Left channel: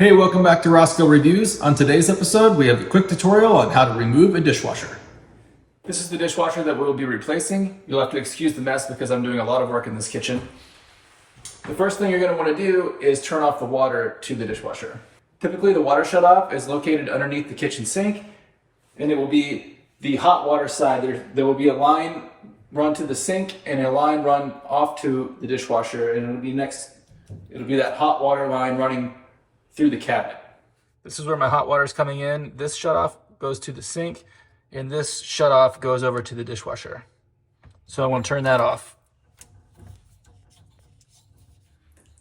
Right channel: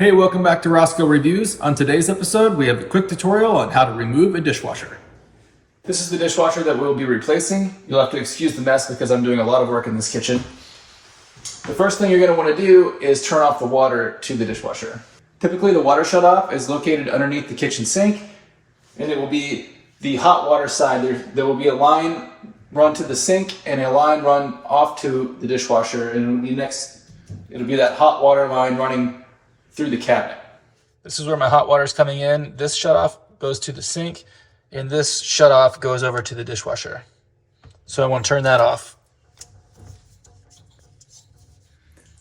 Hey, welcome back to Rosco Reviews. On today's episode, we have a quick tutorial on how to remove a dishwasher. This is the dishwasher that we'll be replacing. You'll have to excuse the mess because I'm doing a lot of work in this kitchen. The first thing you're going to want to do is turn off the water to the dishwasher. Typically, the water shutoff is located underneath the kitchen sink, and it will be the hot water side. There will be a line run to the sink and a line run off to the dishwasher, and it'll be that hot water line running through the cabinet. This is where my hot water is coming in. This shutoff goes to the sink, and this shutoff goes over to the dishwasher. So I want to turn that off.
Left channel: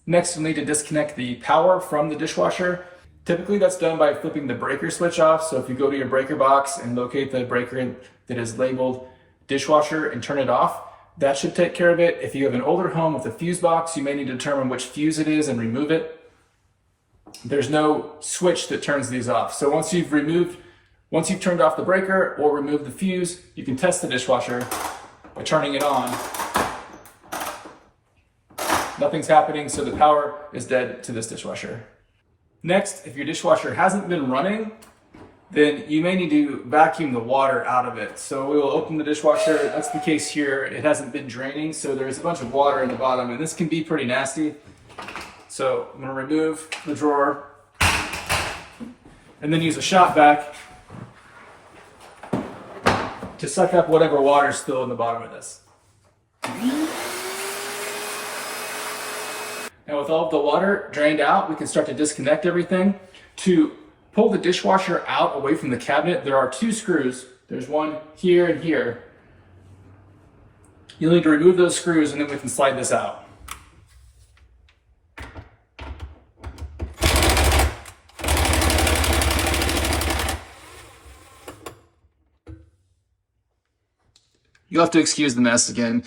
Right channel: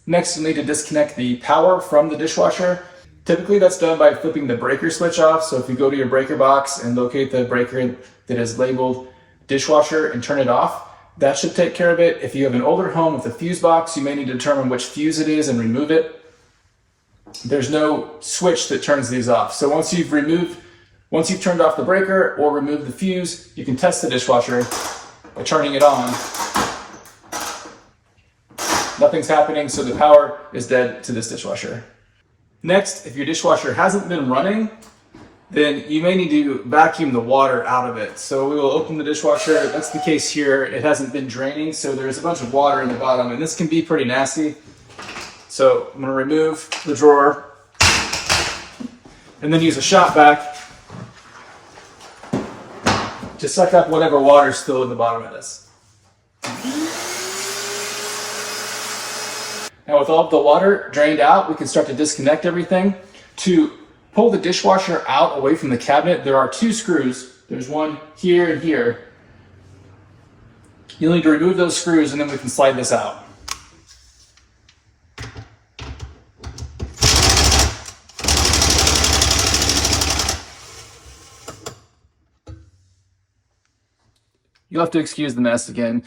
Next, you'll need to disconnect the power from the dishwasher. Typically, that's done by flipping the breaker switch off. So if you go to your breaker box and locate the breaker that is labeled dishwasher and turn it off, that should take care of it. If you have an older home with a fuse box, you may need to determine which fuse it is and remove it. There's no switch that turns these off. So once you've turned off the breaker or removed the fuse, you can test the dishwasher by turning it on. Nothing's happening, so the power is dead to this dishwasher. Next, if your dishwasher hasn't been running, then you may need to vacuum the water out of it. So we will open the dishwasher. That's the case here. It hasn't been draining, so there's a bunch of water in the bottom, and this can be pretty nasty. So I'm going to remove the drawer and then use a shop vac to suck up whatever water is still in the bottom of this. Now with all of the water drained out, we can start to disconnect everything. To pull the dishwasher out away from the cabinet, there are two screws. There's one here and here. You'll need to remove those screws and then we can slide this out. You'll have to excuse the mess again.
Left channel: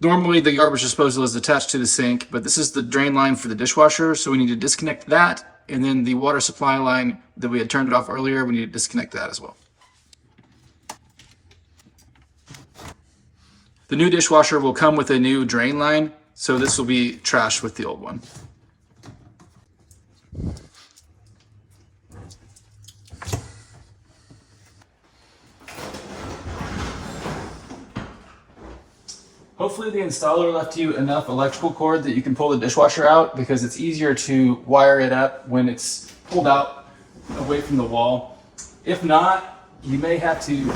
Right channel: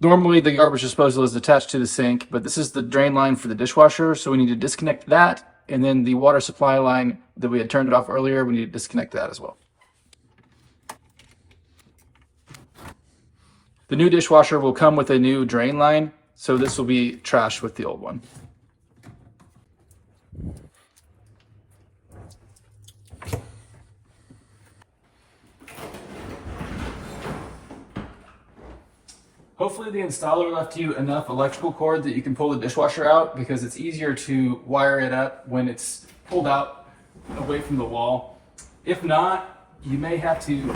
Normally the garbage disposal is attached to the sink, but this is the drain line for the dishwasher, so we need to disconnect that, and then the water supply line that we had turned it off earlier, we need to disconnect that as well. The new dishwasher will come with a new drain line, so this will be trashed with the old one. Hopefully the installer left you enough electrical cord that you can pull the dishwasher out, because it's easier to wire it up when it's pulled out away from the wall. If not, you may have to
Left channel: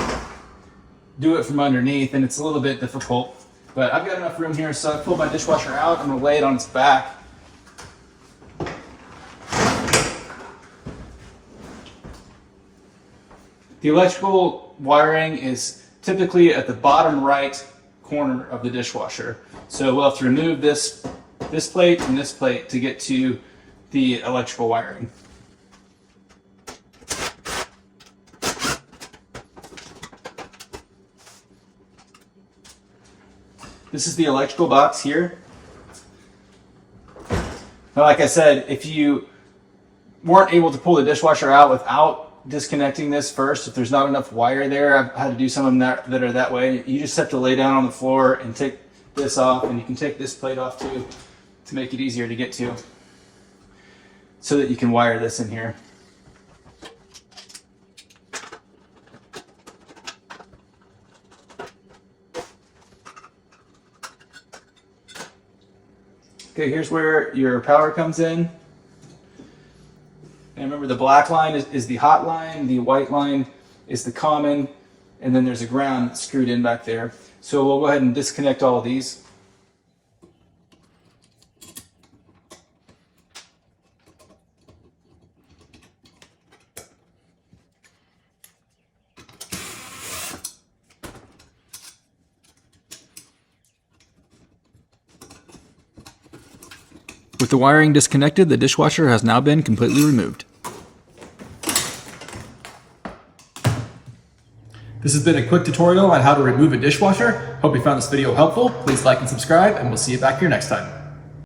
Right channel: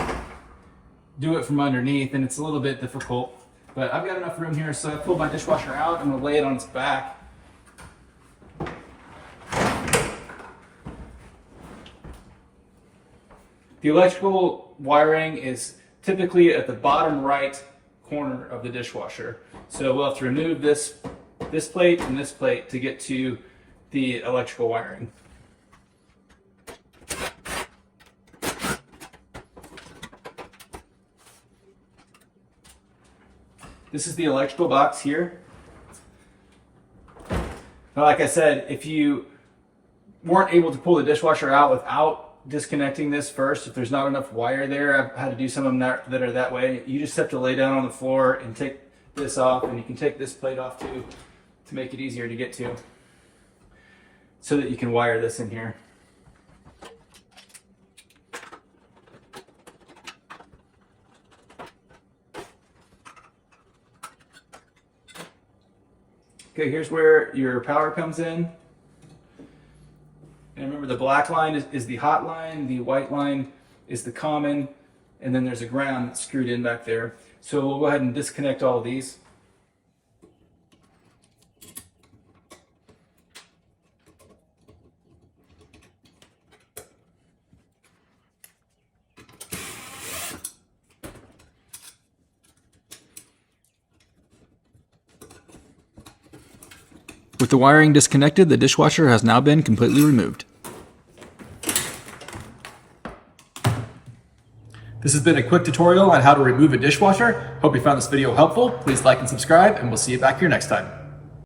do it from underneath, and it's a little bit difficult. But I've got enough room here, so I pulled my dishwasher out. I'm going to lay it on its back. The electrical wiring is typically at the bottom right corner of the dishwasher. So we'll have to remove this plate and this plate to get to the electrical wiring. This is the electrical box here. Now, like I said, if you weren't able to pull the dishwasher out without disconnecting this first, if there's not enough wire there, I've had to do some of them that are that way. You just have to lay down on the floor and take this off, and you can take this plate off too to make it easier to get to, so that you can wire this in here. Okay, here's where your power comes in. And remember, the black line is the hot line, the white line is the common, and then there's a ground screwed in back there. So we'll go ahead and disconnect all of these. With the wiring disconnected, the dishwasher has now been completely removed. This has been a quick tutorial on how to remove a dishwasher. Hope you found this video helpful. Please like and subscribe, and we'll see you back here next time.